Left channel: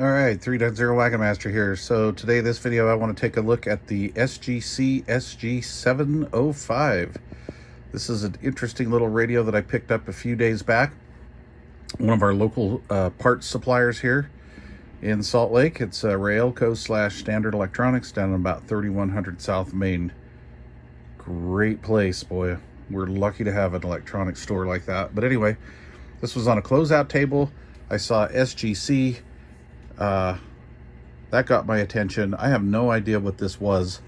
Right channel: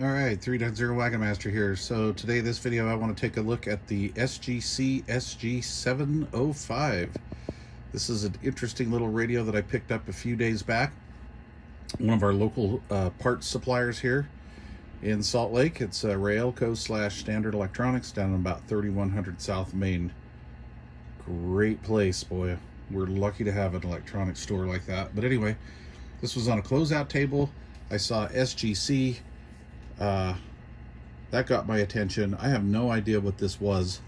All right, 3.0 Wagon Master here. So today, this video, I want to take a look at the SGC SG705. This is an interesting little radio that I picked up a few days back. One of our local parts suppliers here in Salt Lake. It's Railco / Standard Electronics down in about 3100 South Main. Great place, boy. We're lucky to have an electronics store like that. But anyway, this was on a closeout table. I saw SGC. That got my attention. I have no idea what this was.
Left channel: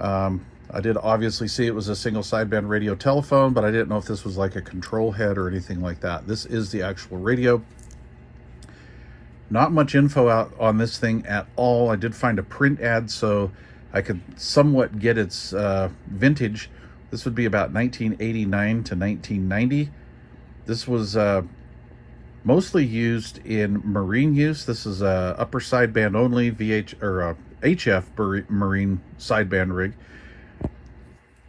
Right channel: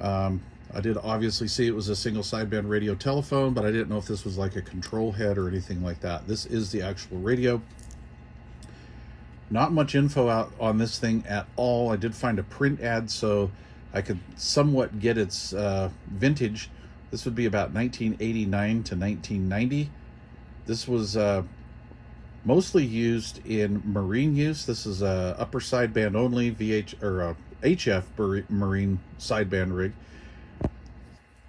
I did obviously see it was a single sideband radio telephone, but I didn't know if this was like a control head or anything like that. This is the actual radio. Not much info out on this thing at all. I did find a print ad, so I could somewhat get its vintage. This would be about 1989 to 1990. This was mostly used in marine use. This is a upper sideband only HF marine sideband rig.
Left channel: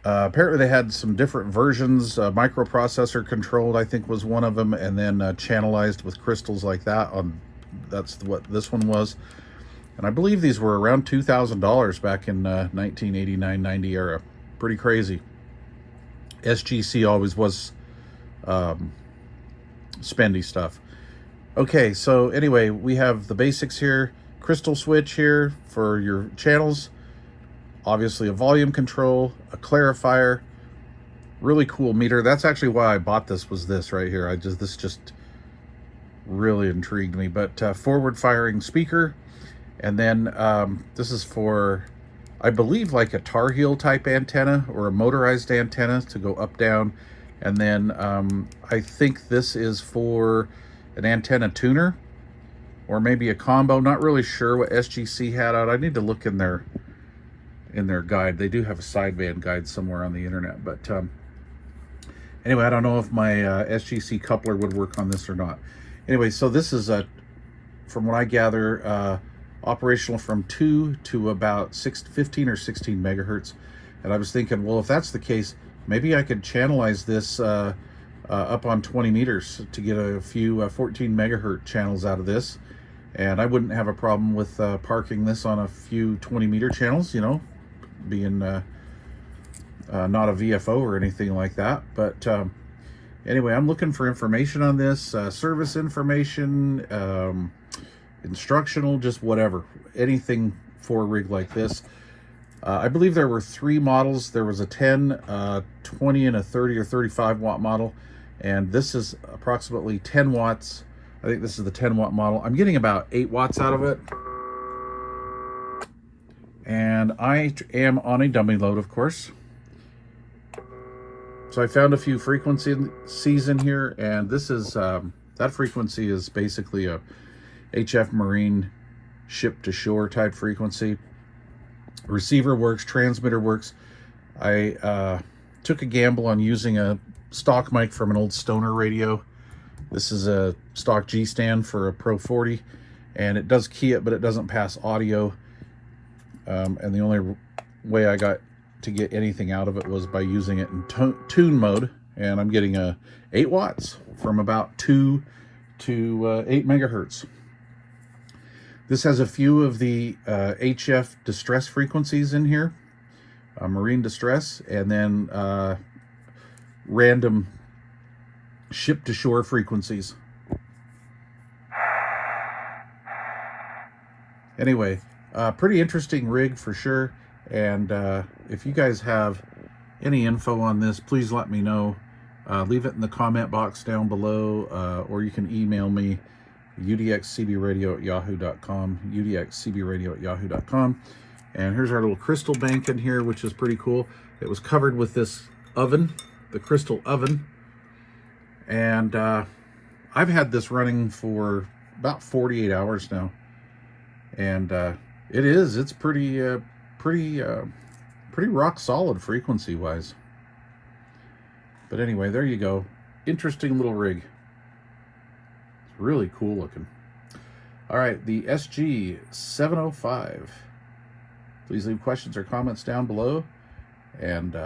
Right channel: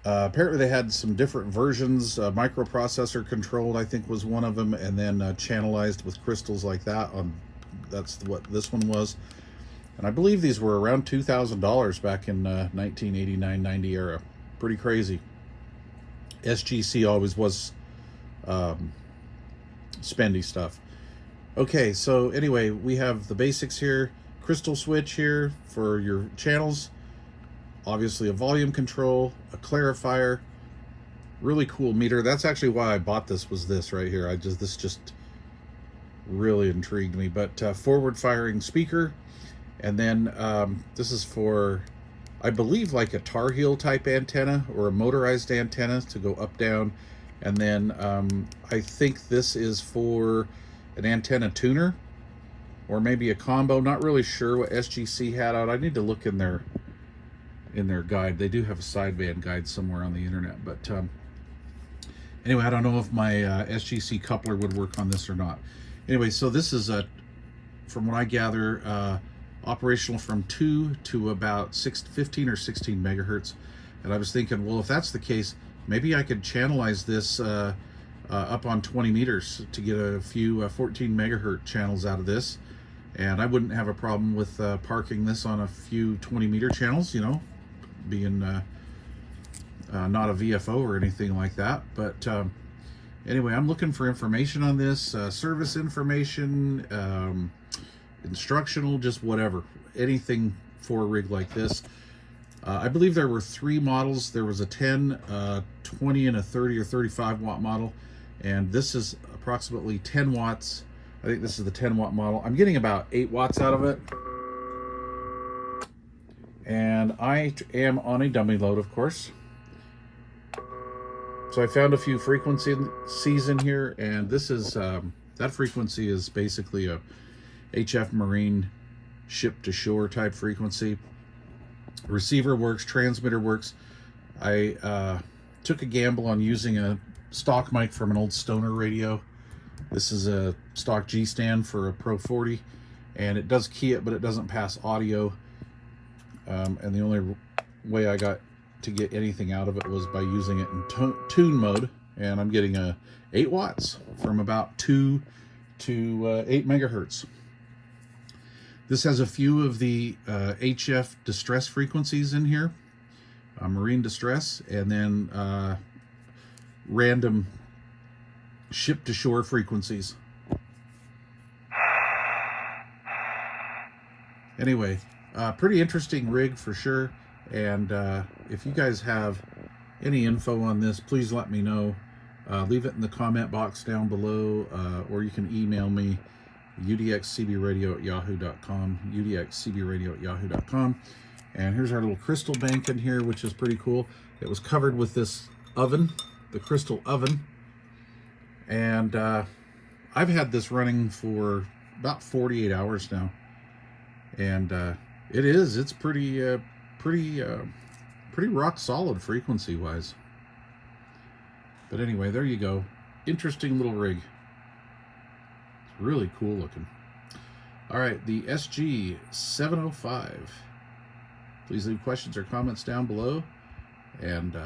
Apparently they had some different versions. Microprocessor controlled, I think, was one of them, and then channelized with crystals like that. That's what this one was. And I believe these were around $2,000 back in 1989-90 era. Pretty crazy. SGC always was spendy stuff. Okay, so anyway, we have the basics here. Crystal switch here for your channels. Obviously a volume control, a clarifier, really cool meter. That's actually why I bought this, was this right here. This just really intrigued me. But forward firing speaker. And then this is for, I believe, like a Tar Heel type antenna or a motorized antenna to go up, down. And then I think this is for an antenna tuner or maybe a combo. Not really sure what SGC had out. I need to look in their guide. They do have a sideband guide somewhere on the internet. But anyway, I don't know if my SGC coupler would work on this or not. Anyway, so this is, from what I gather, operational from 2 to about 15 or 16 megahertz. And I was thinking, well, if that's the case, maybe I could channelize this up on 20 meters to get a few 14 megahertz channels out of this. And I wouldn't have a problem with parking this on a few 20 meter channels, you know, being not a VFO or anything like that. But anyway, I'm looking for information on this, service information, instructional, just whatever, anything for a rig like this. I believe there were 3 models. There was a 10, 20, and a 30 or 35 watt model. And this is approximately 10 watts. I think this is the 10 watt model. I'm getting about 8 watts out of it. And I am on a dummy load, of course. So I found a few frequencies in here, and this is, that frequency is basically a HF marine ship to shore type frequency. Receiver works, transmitter works. I took a gamble on using a stock mic from an old Stoner radio. This is a stock G stand for a Pro 40, and it does key it, but it doesn't pass audio. And the only way I got to get anything out of it was by using it in tune mode, and I'm getting 8 watts from about 2 to 8 megahertz. This has a few of the HF distress frequencies in here, marine distress, and then random ship-to-shore frequencies. Anyway, pretty interesting rig for sure. And if you guys have any info on this, please let me know. Leave it in the comment box down below, or you can email me, udxcbradio@yahoo.com, udxcbradio@yahoo.com. And here's our little crystal bank in here, which is pretty cool. It was covered with this oven, the crystal oven. And I've had this running for about 48 hours now. And it's pretty rock solid frequency wise. But anyway, there you go. Interesting little rig. It's really cool looking. All right, the SG-705. Please leave questions or comments down below. And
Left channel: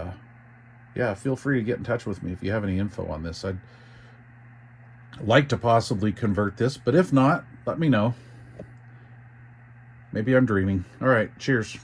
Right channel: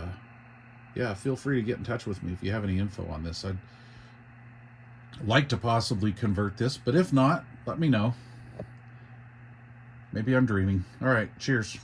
yeah, feel free to get in touch with me if you have any info on this. I'd like to possibly convert this, but if not, let me know. Maybe I'm dreaming. All right, cheers.